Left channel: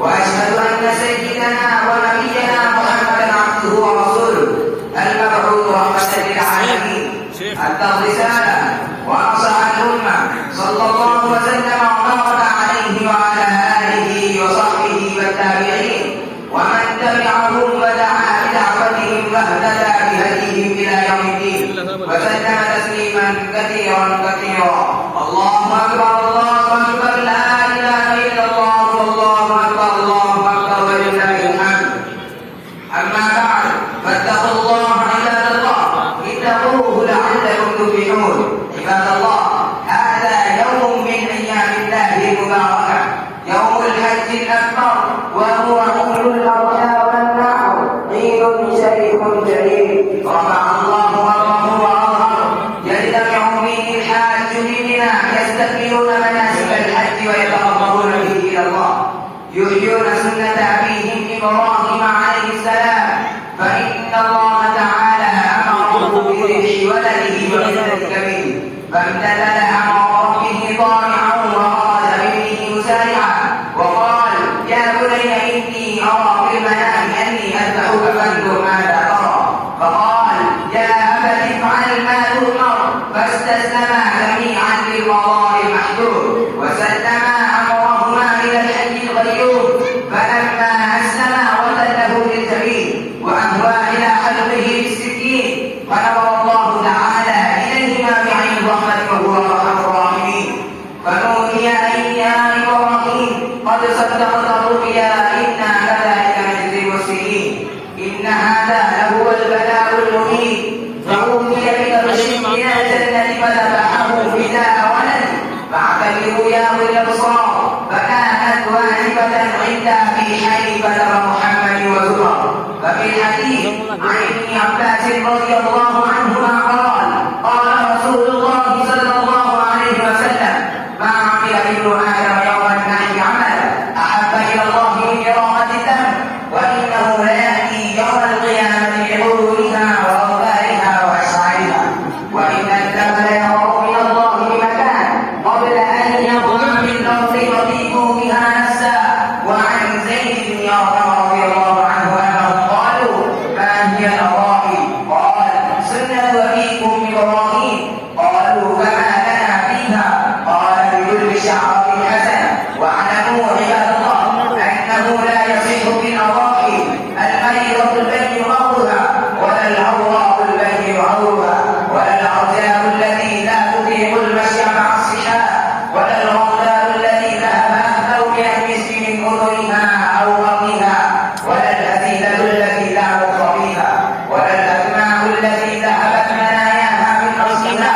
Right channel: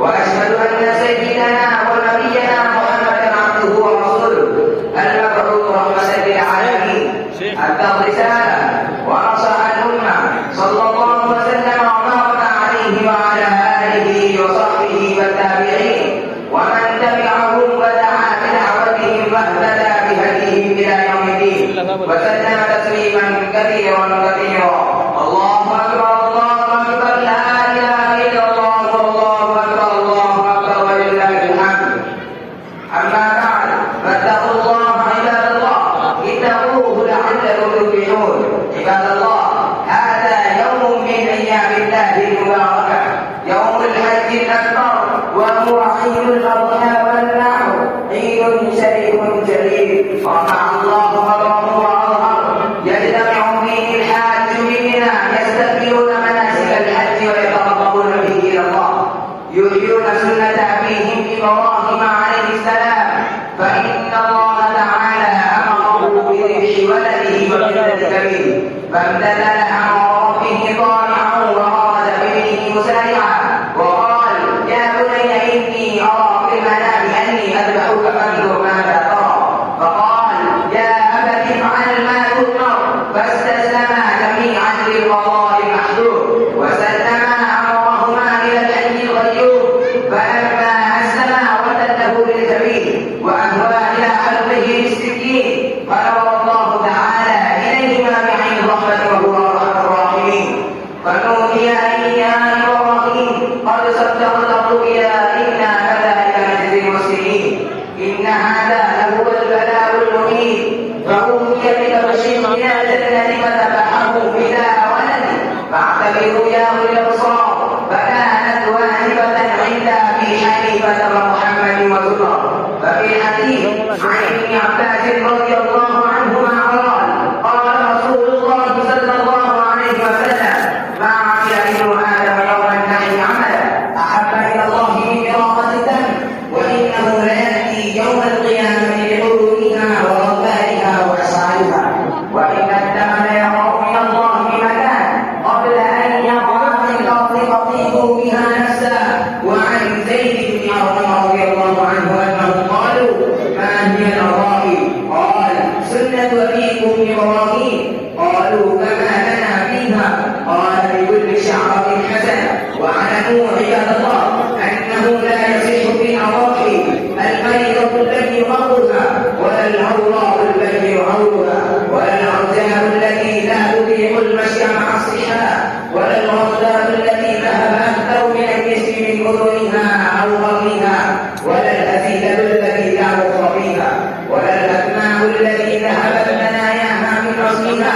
وأشهد أن سيدنا ونبينا محمدا عبده ورسوله المبعوث رحمة للعالمين أدى الرسالة وأنصح الأمة صلى الله وسلم وبارك عليه وعلى آله وصحبه والتابعين ومن تبعهم ودعا بدعوتهم واهتدى بهديهم إلى يوم الدين وسلم تسليما كثيرا كثيرا. اللهم أكبر الله أكبر لا إله إلا الله والله أكبر الله أكبر ولله الحمد. أما بعد فاتقوا الله عباد الله اتقوه لعلكم تفلحون. عباد الله هذا يوم من أيام الله المباركة يوم الحج الأكبر وهو عيد الأضحى والنحر عيد شريف جليل رفع الله وجهه وعظمه يجتمع فيه الحاج بنا يستكملون مناسك الحج ويتقربون به إلى الله يحيون سنة أبيهم إبراهيم عليه السلام فإن الله تعالى أمره بذبح ولده ومثل كبير فامتثل أمر ربه طائعا وأراد به مسارعا وقال يا بني إني أرى في المنام أني أذبحك فانظر ماذا ترى فقال يا أبت افعل ما تؤمر فاستسلما جميعا للقضاء المحدود وسلما أمرهما إلى الحي القيوم فلما أسلما وتله للجبين وأهوى إلى حلقه بالسكين فأمر الله تعالى إليهما بعين الرحمة وهو أرحم الراحمين فنودي أن يا إبراهيم قد صدقت الرؤيا إنا كذلك نجزي المحسنين إن هذا لهو البلاء المبين فأوتي بتبشير من الجنة فذبحه فداء ولد فاعتبروا يا أولي الأبصار فكانت واجبة عند أبي حنيفة ومحمد وزهر. ففي الحديث عن ابن عباس رضي الله عنهما قال رسول الله صلى الله عليه وسلم ما عمل ابن آدم يوم النحر عملا أحب إلى الله من إراقة الدم وإنه ليأتي يوم القيامة بقرونها وأوبارها وأسعارها وإن الدم ليرى من الله مكان قبل أن يقع من الأرض فطيبوا بها نفسا. وعن زيد بن أرقم رضي الله عنه أنهم قالوا ما هي الأراضي؟ قال سنة أبيكم إبراهيم. قالوا فما لنا فيها؟ قال بكل شعرة حسنة. واعلموا عباد الله أنه لا يصح بالأراضي المريضة التي يرضها ولا العوراء التي يعوها ولا العرجاء التي لا تطيق المشي مع الصحاء ولا العرجاء التي ذهب أهله يأنس من أذنها أو بطنها ولا الأسيلة التي لا مخ فيها ولا الأكمام التي ذهبت مناياها من رأسها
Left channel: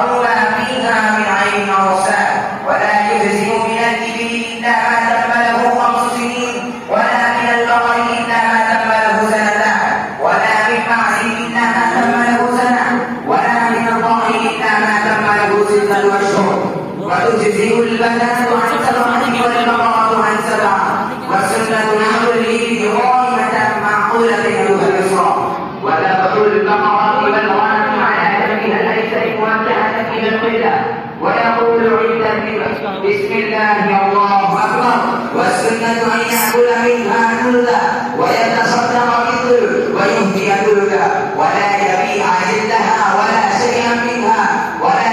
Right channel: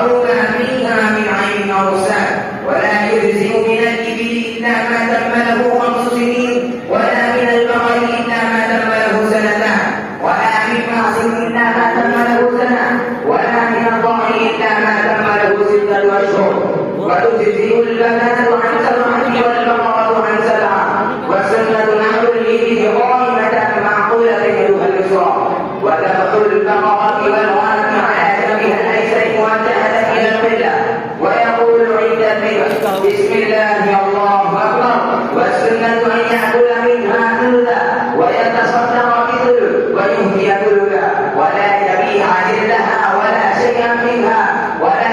أو ما فيها من عين أو رسال ولا يجزئ من الإبل إلا ما تم له 5 سنين ولا من البقر إلا ما تم له 2 سنتان ولا من معز إلا ما تم له 1 سنة ولا من الضأن إلا ما تم له 6 أشهر وتجزئ البدنة عن 7 والبقرة عن 7 والسنة نحو الإبل قائمة معقولة يدها اليسرى وذبح البقرة والغنم على جنبها الأيسر موجهة إلى القبلة ويقول عند الذبح بسم الله الله أكبر. والسنة أن يأكل منها نلدا ويتصدق مثله ويهدي كلها ولا يبيع جلدها ولا شيئا منها ولا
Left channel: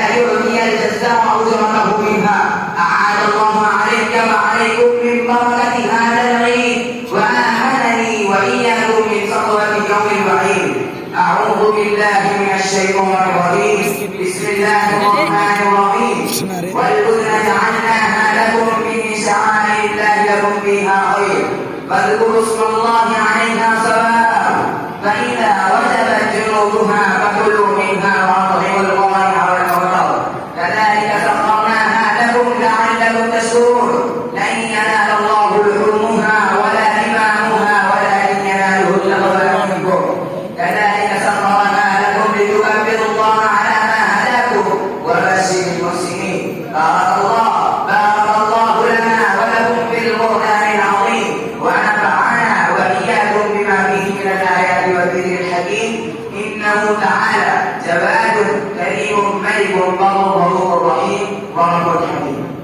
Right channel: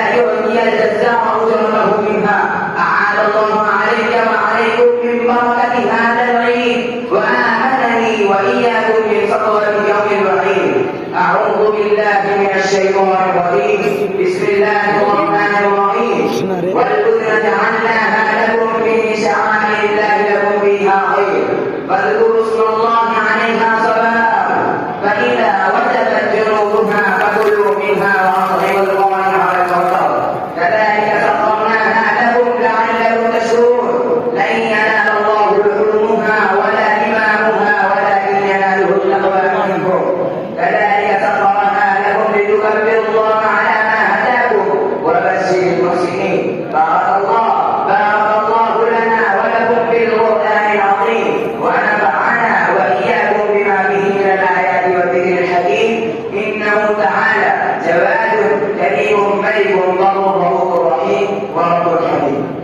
كريم ملك بر رؤوف رحيم ورب حكيم.